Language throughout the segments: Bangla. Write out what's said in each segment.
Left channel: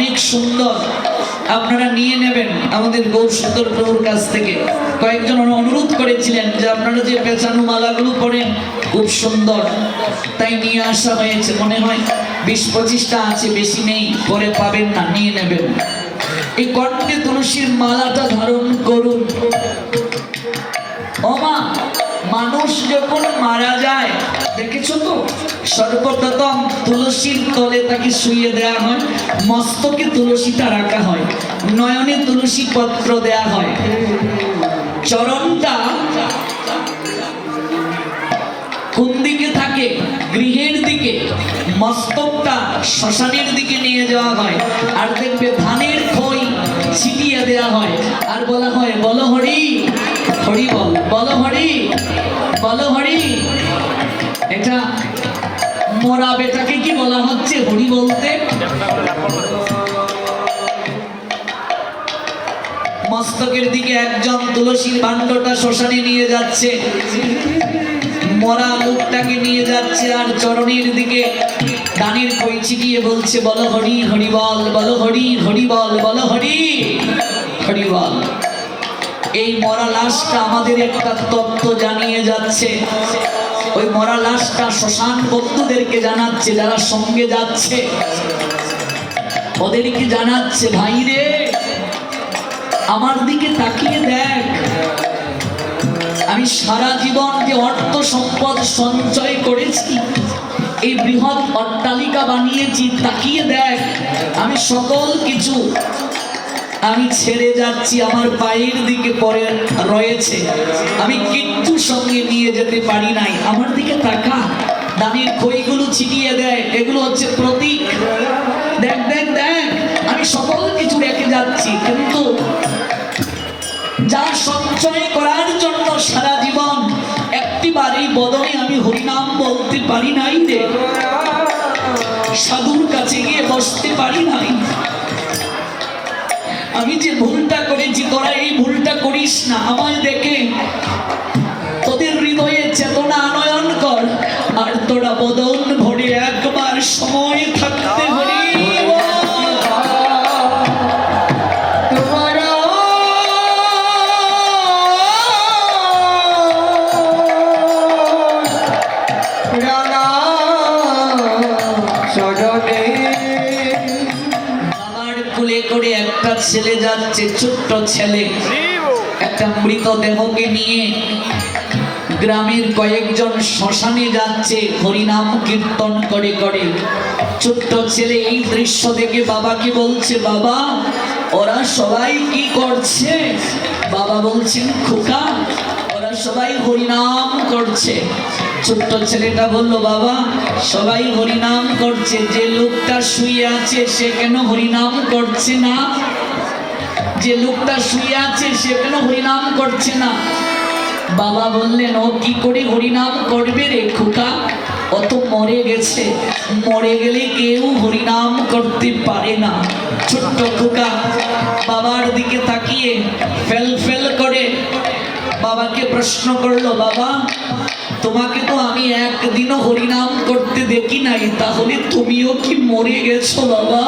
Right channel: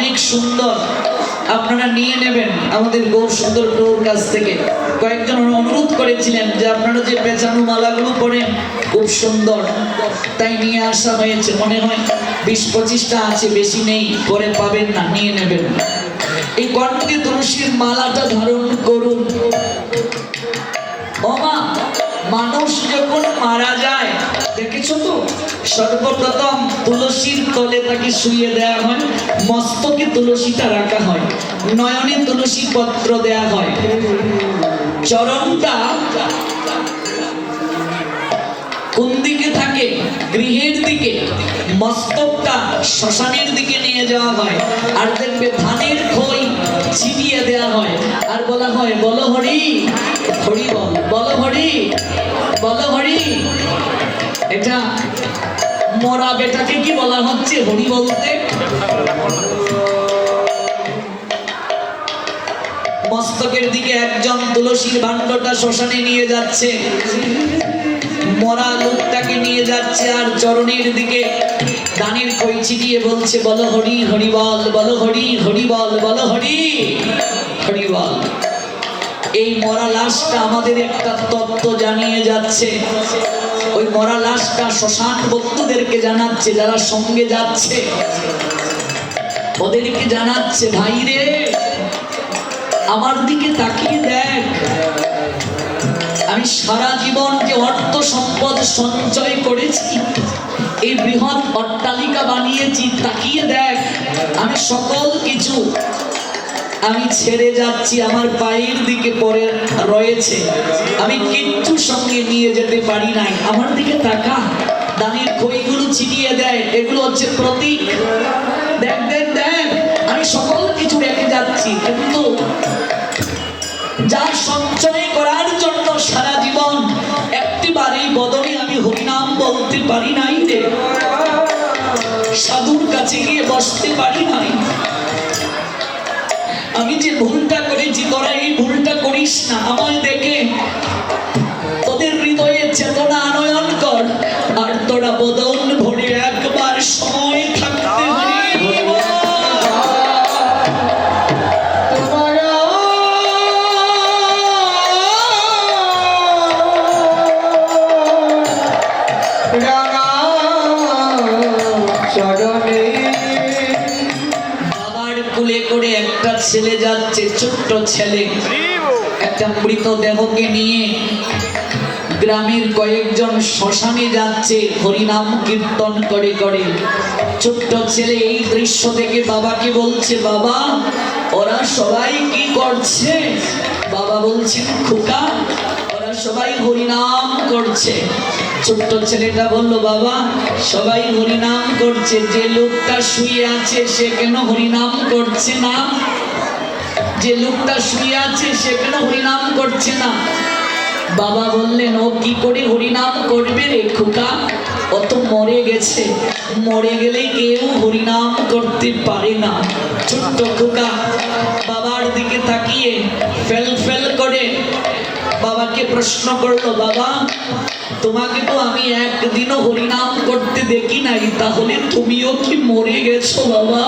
অনেক সুন্দর। আপনারা নিয়ে নেবেন আমাদের গৌর সুন্দর প্রভুর কাছ থেকে। কয়েকজন অনুরোধ করেছিলেন যে আপনারা যে পেঁচানো মালাগুলো পড়েন খুব সুন্দর। তাই নিয়ে আসা হয়েছে। মনে হয় বিশ পঁচিশটা আছে, বেশি নেই, পরে পাবেন না, নিয়ে নেবেন। এই কণ্ঠে তুলসীর মালাটা ধারণ করুন। মানুষ যখন মারা যায় দেখেছ তো? সর্বপ্রথম তুলসীর তলে তাকে শুয়ে দেয়া হয়, মস্তকে তুলসীটা রাখা হয়, নয়নে তুলসী পত্র দেয়া হয়। চরণটা কোন দিকে থাকে? গৃহের দিকে। মস্তকটা শ্মশানের দিকে নিয়ে যাওয়া হয়। আর দেখবে ধানের খই ছিটিয়ে দেওয়া হয়। এটা মরা বেটাকে কি বলা হচ্ছে হরি বলতে? মস্তকের দিকে একজন তুলসীর ভাণ্ডটা শ্মশানে নিয়ে যাচ্ছে। মরা লোকটাকে নিয়ে যাচ্ছে আর চরণের দিকে দানের কইছি গিয়ে বলছে, বলো হরি হরি বল, বলো হরি হরি বল, বলো হরি হরি বল। এই মরা লাশটা আমাদের একটা তত্ত্ব জানিয়ে যাচ্ছে। ওই মরা লাশটা শ্মশান বন্ধুদেরকে জানাচ্ছে, যারা সঙ্গে যাচ্ছে। ওদেরকে জানাচ্ছে, ভাই রে, আমার দিকে তাকিয়ে দেখ। আমি সারা জীবন যে অর্থ সম্পদ সঞ্চয় করেছি, এই বৃহৎ অট্টালিকা বানিয়েছি, তাকিয়ে দেখ। আমি সকল কিছু আমি ছেড়ে যাচ্ছি, আমার পায়ের দিকে পরে রয়েছে। আমি কিচ্ছু সঙ্গে নিয়ে যেতে পারি নাই। আমার দিকে তাকা। দানের বইগুলো ছিটিয়ে দেয়। এগুলো হচ্ছে প্রতীক। দেখ দেখ দেখ। আমি সকল কিছু রেখে যাচ্ছি, কিন্তু যা সঞ্চয় করার জন্য সারা জীবন একটিবার এই বদলে আমি হরিনাম বলতে পারি নাই রে। সাধুর কাছে গিয়ে বসতে পারি নাই। আমি যে ভুলটা করেছি, তোরা এই ভুলটা করিস না আমায় দেখে। তোদের হৃদয়ে চেতনা আনয়ন কর, আর তোরা বদন ভরে একবার সময় থাকতে হরি বাবার কুলে করে একটা ছেলে যাচ্ছে ছোট্ট ছেলে। একটা মৃতদেহকে নিয়ে গ্রামের কয়েকজন শ্মশানে যাচ্ছে হরিনাম কীর্তন করে করে। ছোট্ট ছেলে এই দৃশ্য দেখে বাবাকে বলছে বাবা ওরা সবাই কি করছে? বাবা বলছেন খোকা ওরা সবাই হরিনাম করছে। ছোট্ট ছেলেটা বলল, বাবা, সবাই হরিনাম করছে। যে লোকটা শুয়ে আছে, সে কেন হরিনাম করছে না? যে লোকটা শুয়ে আছে, সে কেন হরিনাম করছে না? বাবা বললেন, ও কি করে হরিনাম করবে রে খোকা? অত মরে গেছে। মরে গেলে কেউ হরিনাম করতে পারে না। ছোট্ট খোকা, বাবার দিকে তাকিয়ে ফেল ফেল করে বাবাকে প্রশ্ন করল, বাবা তোমাকে তো আমি একদিনও হরিনাম করতে দেখি নাই, তাহলে তুমিও কি মরে গেছো বাবা?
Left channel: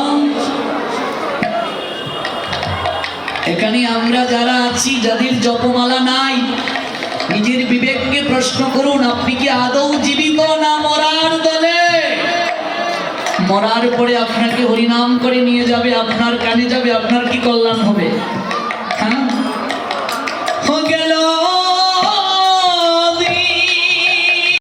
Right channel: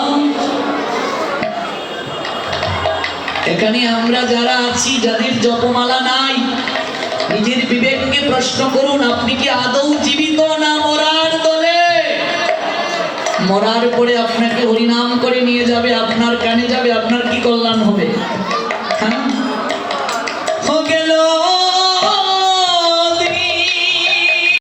এখানে আমরা যারা আছি, যাদের জপমালা নাই, নিজের বিবেককে প্রশ্ন করুন, আপনি কি আদৌ জীবিত না মরার দলে? মরার পরে আপনাকে হরিনাম করে নিয়ে যাবে, আপনার কানে যাবে, আপনার কি কল্যাণ